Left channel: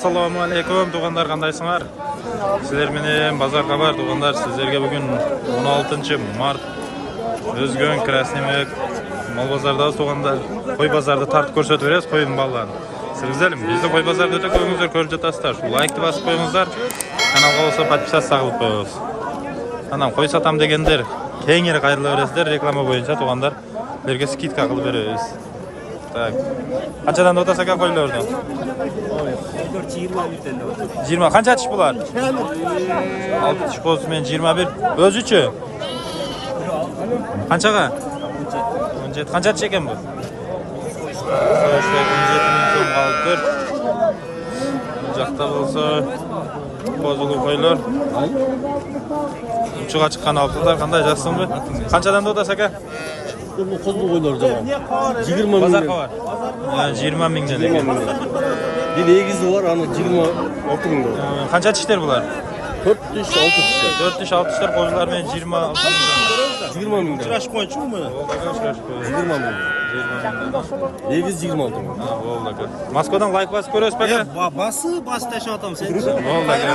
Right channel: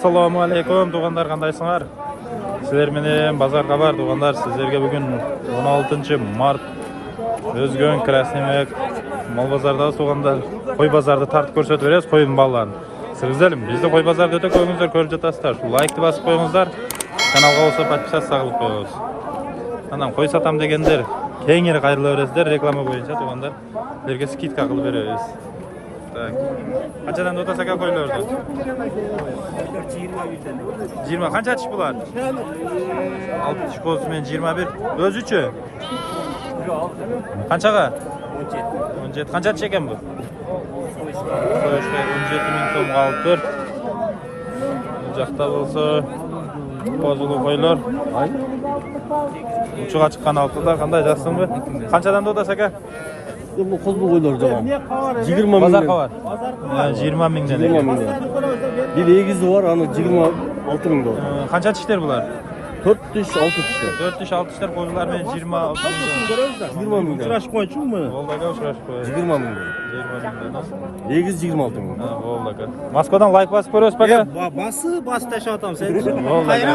Assalamu alaikum tuğanlar, qandaysыңар? Sizler менен базар хабар туğanlar. Sizlerge bugün 16 mart Özgön Krasnimek mal bazardasыз туğanlar. Koy bazarda tartып көрсөтүп беребиz koyun балларын. Сиздерим бизди koy bazarda өтө көңүңүздөр көрүп жатасыздар. Шу лайкты басып коюңуздар. Каналга болсо подписаться кылып коебуз. Анан koy сатам дегендер кеңири кайрыла бересиздер реклама боюнча туğanlar. Берге скидка кылып беребиз. Так. Qanchadan o'tasa ekan qo'ylardan? 20. Qancha tish bular? 6 tish qo'ysiz men 21. O'zi-chi? Qanchaga? 17. Qancha tish ekan bu? So'yishpay 17 ming so'm qolibdir. Bu yoqda bo'lsa qo'zulu qo'ylar. Uchiga chiqqan olibdilar. Qanday jasizmi? Qanchadan o'tasa ekan? Bu qo'zlu qo'ylar jamon. 20 ming. Bozor var. 20 mingdan ekan. Bir egizi var, ana 26 ming dolar. Qancha tishlar bular? 4 tish, 6 tish. 4 tish, 6 tishlar qo'zilar men 26 mingdan. 20 ming. Uchrashib qo'ychimi? Bo'ldi, uchrashib qo'y. 20 ming. 20 mingdan ha. Egiz 26 ming. Ha, bo'ldi aka. Moskvadan like bosib ko'rasiz aka? Bas tashlatam sen. Bo'ldi aka.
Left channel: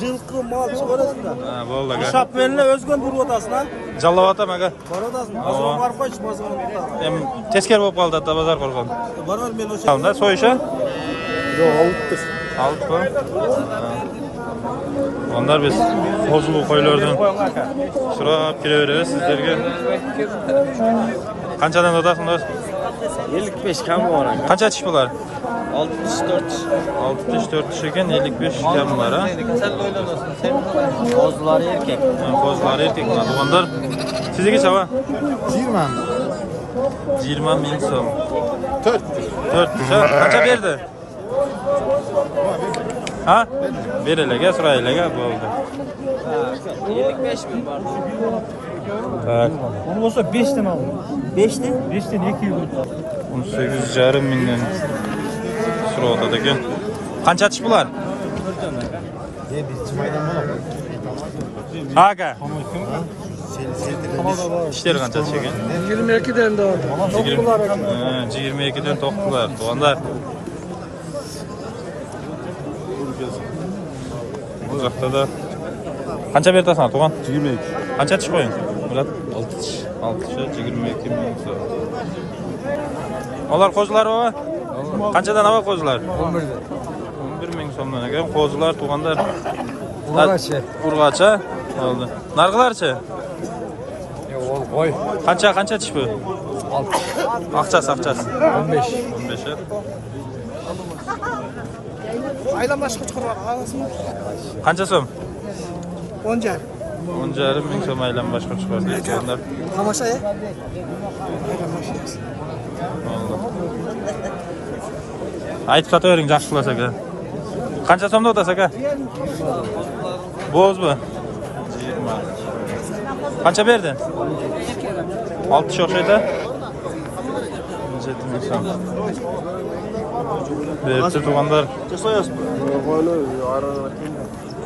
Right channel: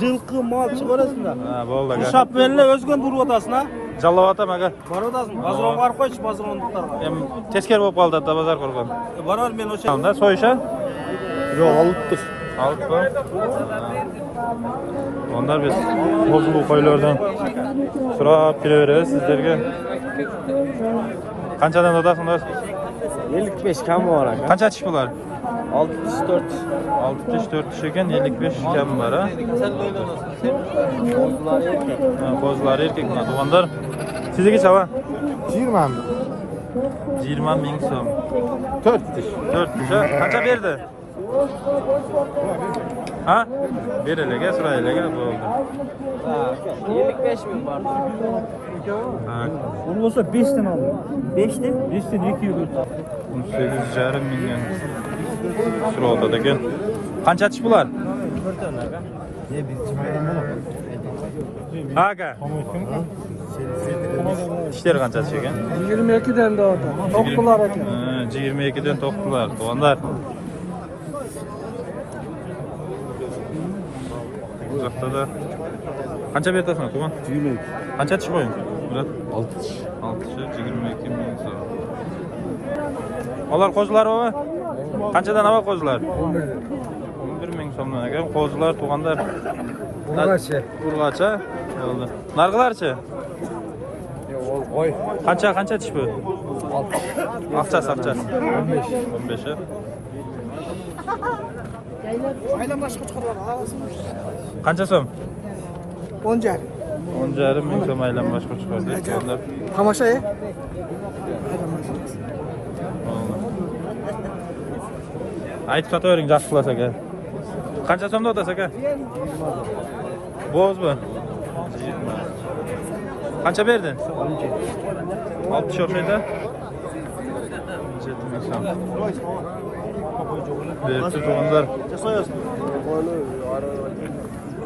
Жылқы мал chiqarasizlar. Ha, bo'ldi aka. Shop bilan o'zgan duryotasizmi? Jallavatam aka. Ko'radasizmi? Bozor var qo'yish bozor. Hem teskari bo'lib qoldi da bozor qo'rqon. Barar men o'sha. Hamda so'yisha? Yo'q, olibdir. Olibmi? Onlar biz qo'zulu qo'ylardan so'rab kelaveramiz sizlarga. Qanchadan o'tasizlar? 55 kam var aka. Qancha tish bular? 6 tish, 4 tish. 6 tish 4 tish ekan 55 kam var ha. Qo'zlar erkek. Ha, qo'zlar erkak mana tuğanlar. Sizniki chava? 20 ming so'm. 4 tish. 4 tish ha. Qancha berdi? Ha? Berilaga, suraylaga bo'ldi. 55 ming var. Tak. Bu bo'lsa 5 dan oldi. 5 dan? 5 dan 200. 18,5 mingdan so'rayotadi ekan. Qancha tish bular? Ha aka. Tishlar qancha tish ekan? 22 dan da oldi. 22 dan to'qqilar. Tuğanlar. Bu yoqda da qancha bertasan tuğan? 22. Qancha tish qo'ying? Murat 6 tish. 6 tish 22 ming so'm. Ular qo'zilar baba? Qanchadan avval qo'zilar? 11 ming so'mdan ekan. Qo'zilar tuğanlar. Urg'acha. Oldi. Narg'ilarchi? Qancha tish bu? Aqchasi. 15. Aylanmashga chiqarib olasizmi? Qancha so'm? 10,5. 10,5 ming so'm aylanmashga chiqardi. Tuğanlar. Qamash aylanmash. Oldu. Aytib satavering yaxshi qilasiz aka. Qancha so'mda o'tasiz aka? Bo'zmi? 20. Qancha berdi? 6 tish o'xshaydi. 17 ming so'm. Berdi tuğanlar.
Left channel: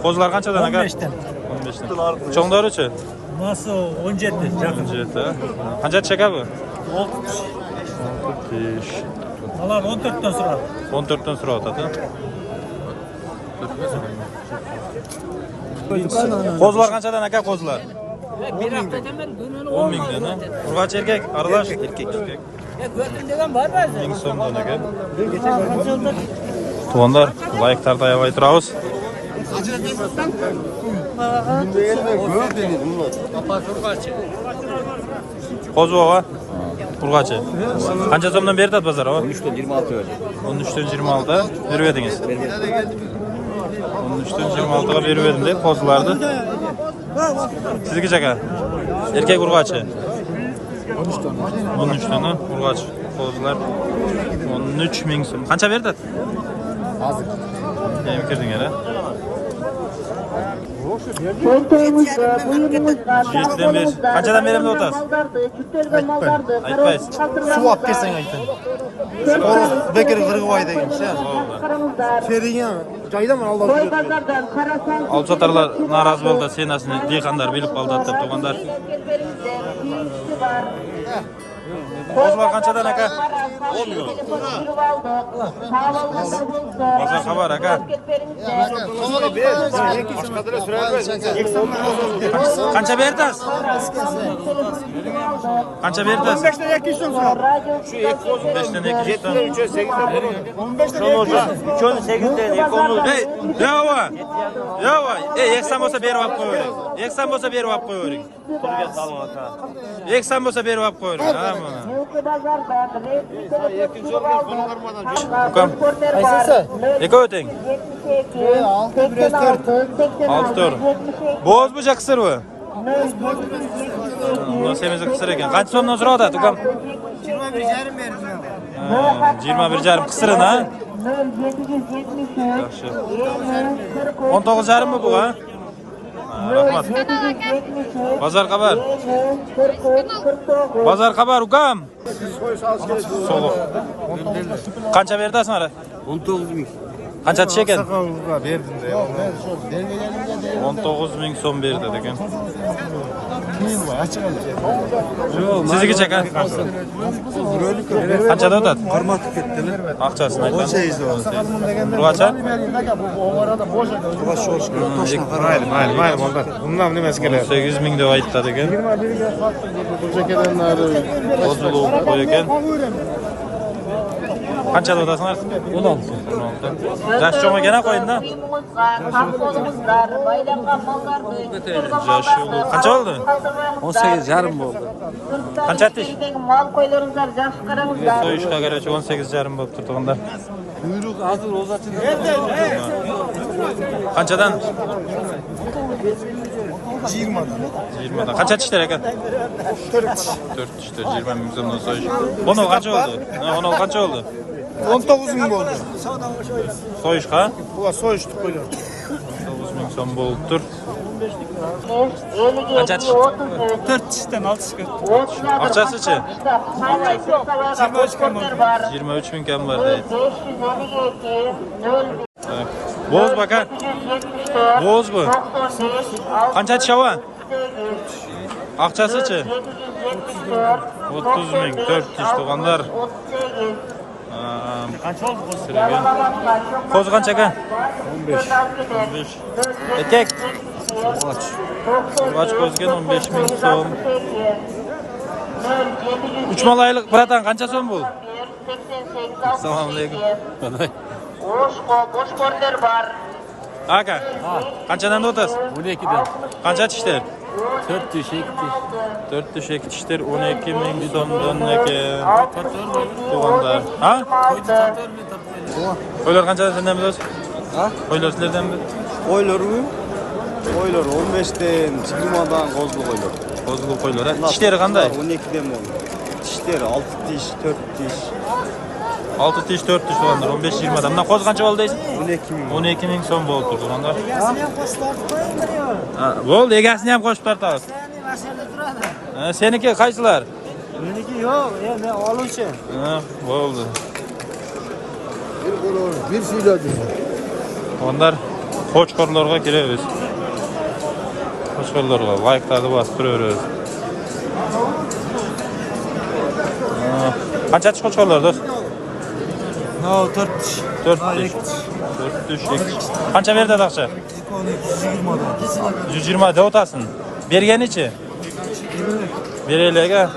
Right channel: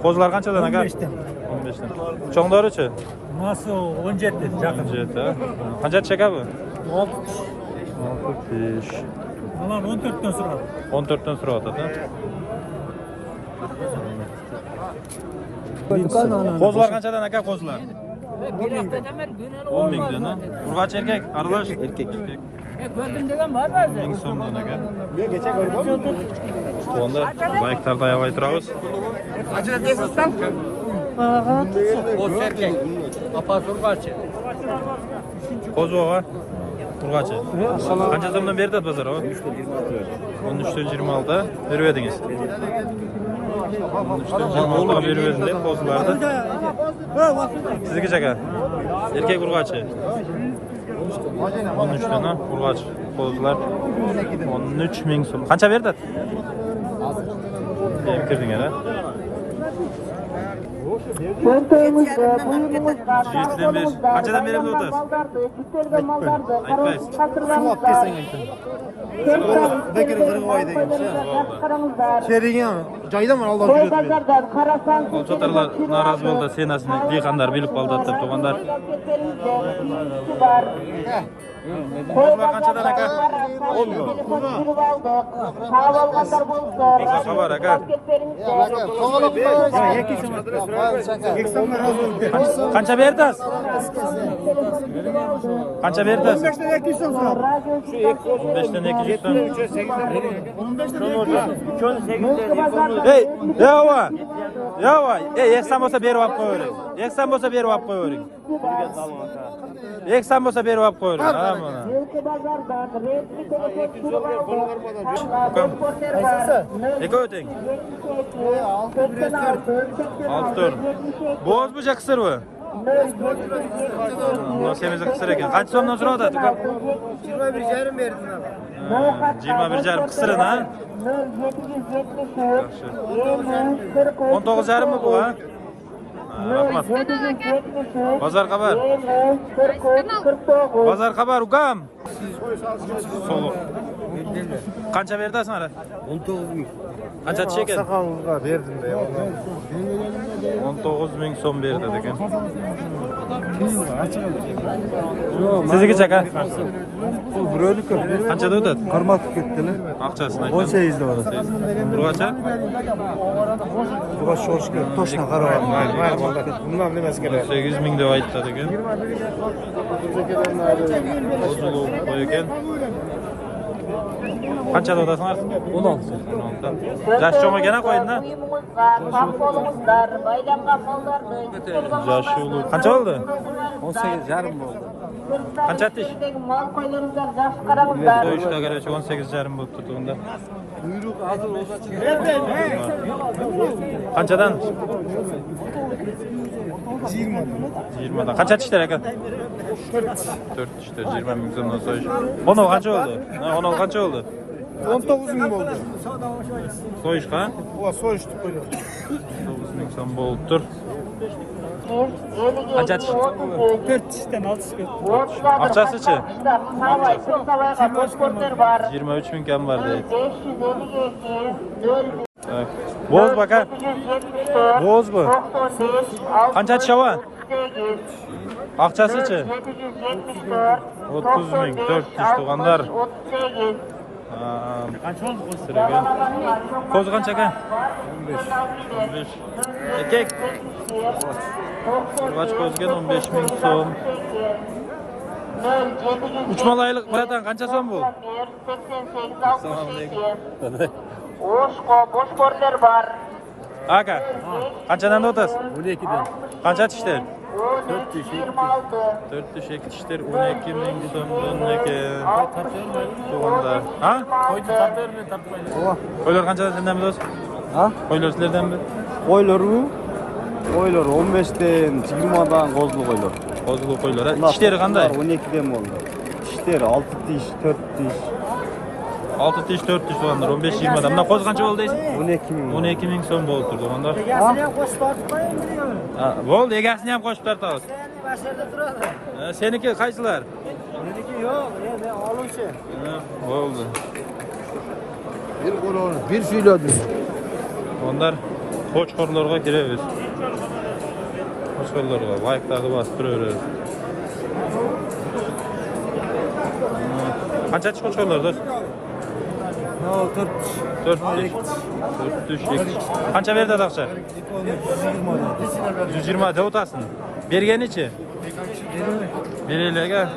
Qo'zlar qanchadan aka? 15 dan. 15 dan. Cho'ngdorichi? Maso 17 yaqin. 17. Qancha tish aka bu? 6 tish. 6 tish. Ular 14 dan so'radi. 14 dan so'rayotadi. Qo'zlar qanchadan aka qo'zlar? 10 mingdan. Urg'achi erkak, aralash erkak. Ko'rdim degan bormi? 1000 so'mdan aka. Tuğanlar, like-tarda ayabay turamiz. Qo'zi baba. Urg'achi. Qancha so'mdan berdi bozor baba? 13 dan 26 verdi. 13 dan 26 berib edingiz. 13 dan 26 ga berib edim deb qo'zilarni. Sizniki aka? Erkak urg'achi. 13 dan urg'achi. Qo'zilar 13 ming so'm. Qancha berdi? Yem kirding ara. Qanchadan berib o'tasiz? Aytmaysiz. Suv olib kelsang aytdim. Bekir qirg'voy degancha. Kelgan joyda mana Olsatarlar norozi bo'ldi, senasini dehqonlar bilib qoldi deb tuğanlar. Qo'zlar qanchadan aka? 10 milyon. Bazar kabar aka. Kança berdas? Kança berdas? 15'ten 200 son sıra. 15'ten 200 ton. 15'ten 200 Hey, yava. Yava. Eksan bolsa berip alып koyering. Eksan bolsa berip alып koyering. Eksan bolsa berip alып koyering. Ha mana. Ukam. Eka öteng. 6 tur. Boz bu kısır bu. Bundan semizi kısır eken. Kaç sondan sonra atat ukam? 21,5 verdim ben. 21,5 kısırın ha? Yaxşı. 19,5 mı bu ha? Rahmat. Bazar kabar. Bazar kabar ukam. Soluk. Kança berdasin ara? 19 bin. Kança tiş eken? Sakallığa verdim de. 19.000 son berdi eken. Sizniki çaka? Kançada ötadi? Karma tükettiler. Akçasını ayttan. 18'de var. Burgacha? Burası şu toştan karar. Mayır oldu. Bundan nimesi gelir? 18.000 deb aytadi eken. Bozulup qo'y ekan. Qanchada o'tasizlar? 16. 16. Yosh cho'ng ekan qo'yinda. Yosh ulug'. Qancha bo'ldi? 18,5 bo'ldi. Qancha tish? Mal koylarınızlar, yaxşı qarаңызlar. So'yishga qarachi 18,5 bo'lib turganda. Kuyruk hazır uzatın. Qanchadan? 20'dan. 20dan. Qancha tishlar ekan? 4 tishlar 20 ming so'mdan so'yish. 10 qancha bo'ldi? Ha, 10 qancha bo'ldi? 19 bin oldu. So'yishqa? Ulan soyuştuk koyun. 9 ming so'm bo'lib tur. Qancha tish? 4 tişten 6 çıkıyor. Aqchasi-chi? 23 23 ming kam bor deydi. 552 0 Bo'z baka. Bo'z bu. Qancha tishava? Aqchasi-chi? 30 ming 4 tish tug'anlar. Sirgan. Qo'zi qancha aka? 15. Erkak. Urg'ach qo'zigan 15 ming so'm. 3 malaylik biratan qancha so'm bu? Assalomu alaykum. boş korner var. Aka. Qanchadan o'tasiz? 12'den. Qancha tishlar? 4 tiş, 2 tiş. 4 tish 2 tishlar 12 ming so'mdan ekan. Tatlı vermeyin. Tug'anlar. Ha? Koydu tatlı vermeyin, tatlı vermeyin. Qo'ylar qanchadan sendan bilasiz? Ha? Qo'ylar sizlardan bil. Koylar mı? Koylar 15'ten, 20'dan kozlu koylar. Qo'zilu qo'ylar. Tishlari qanday? 12'den oldu. Tişleri 6 tiş, 4 tiş. 6 tish 4 tish tug'anlar 15-20 dan. Bundan qo'zi qancha bo'ldi deysiz? 12 bin. 12 ming so'm bo'lib turdi tug'anlar. Egasini ham qo'shib tortib qo'yingmi yo'q? Ha, bo'ldi, egasini ham qo'shib tortamiz. Seni masharda turadi. Ha, seniki qaysilar? Meniki yo'q, men oluvchi. Ha, bo'ldi. Bir söyledi. Tug'anlar qo'chqorlarga kiramiz. Qo'chqorlarga like-larni bosib turaveramiz. Qancha tish qo'chqorlar do'st? Ha 4 tiş. 4 Ha tish. 2 tiş. 4 tish. Qancha berdi aqcha? 120'dan. 120 da o'tasin. Berganichi? Beraylik-a.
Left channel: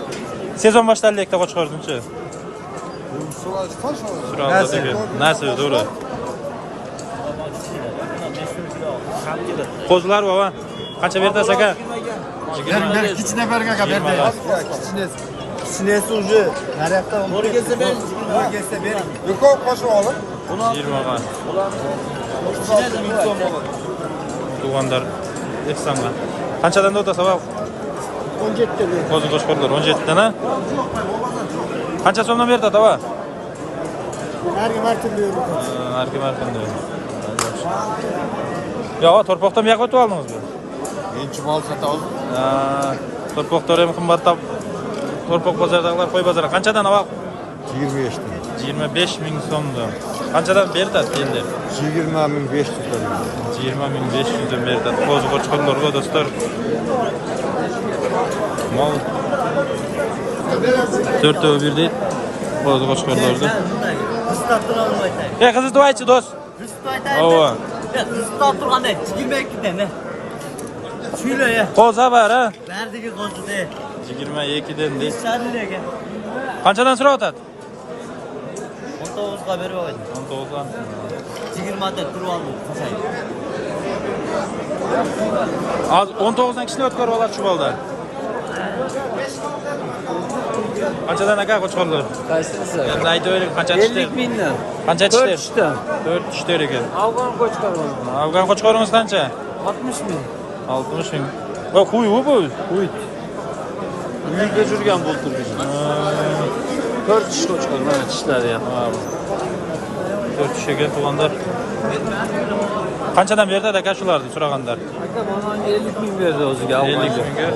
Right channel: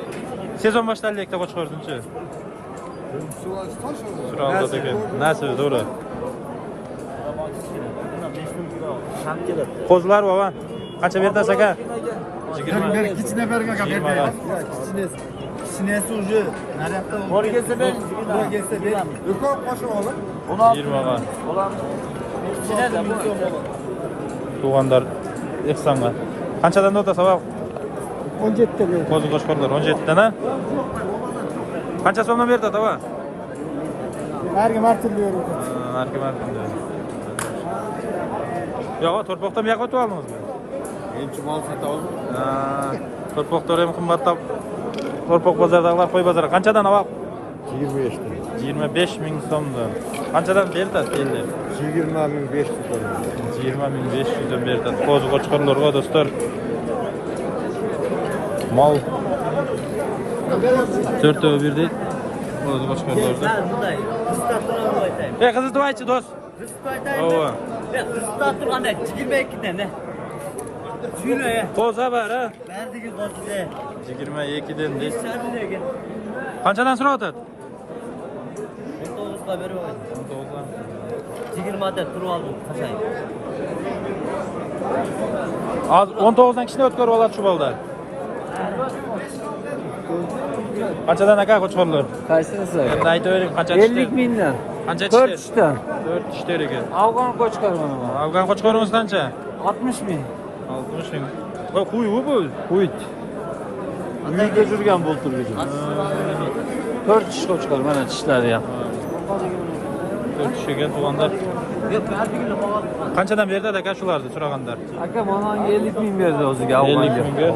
Sezon boshlanlikda qo'chqordinchi. Suralda degan. Nasib, to'g'ri. Qo'zlar baba. Qancha berdi aka? 20. İçine berga 20 ga. Ya kichines. Sinesi ucu. Naryoqda Bora kelsa ben. Bora kelsa ber. Yuqor qo'shib olib. 20 ga. Tug'anlar ehsonga. Qanchadan o'tasa baba? 17 ber. Qo'zi qo'shqorlar 17 dan a? Qancha so'mdan berdi baba? Har kim har turli yo'l. Har kim har qanday. Yo'q, torpoqdan bu yoqqa o'tib oldingizmi? Birinchi mal satamiz. Torpoqlar ham qimmatlab. Torpoq bozordagilar qo'y bozori qanchadan olib? 25'ten. 25 ming so'mdan. Qanchadan berdi endi? 20.500 lira. 20.500 dan berdi. Qo'zi qo'chqorlarga do'stlar. Mal 4 birdi. Qo'zi qo'chqorlarni. bunday. Qistab turgan aytay. Qizni aytchi do'st. Qistab aytay. Ova. Qistab turganda 22 dan. Shuyla ya. Qo'zi var ha. Berdigi qo'zida. 22 dan deysiz. Shadiliga. Qanchadan so'rayotadi? 19 ga berib qo'ydi. 19 dan. 20 dan turib oldi. Qasaydi. Az 19 dan kishini o'tkazib oladi shu bolda. Qanchadan aka qo'chqorlar? Qaysinisi? Endi aytaylik qancha tishdi? 50 mingdan. Qancha tishdi? 4 dan. 4 tishdi ekan. Afg'on qo'chqorlar. Afg'on qo'chqoringiz qancha? 60 ming. 60 ming. Voy quy bu. Uyut. Uyda yurgan bo'ltirgan. 4 tish qo'chqor, mana tishlari ham. 4 tish ekan tug'anlar. Qanchadan berdi aka shularni so'raganlar? Aka mana 50 ming berdi o'ziga. 50 mingga.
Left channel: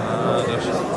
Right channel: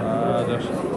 Ha, yaxshi.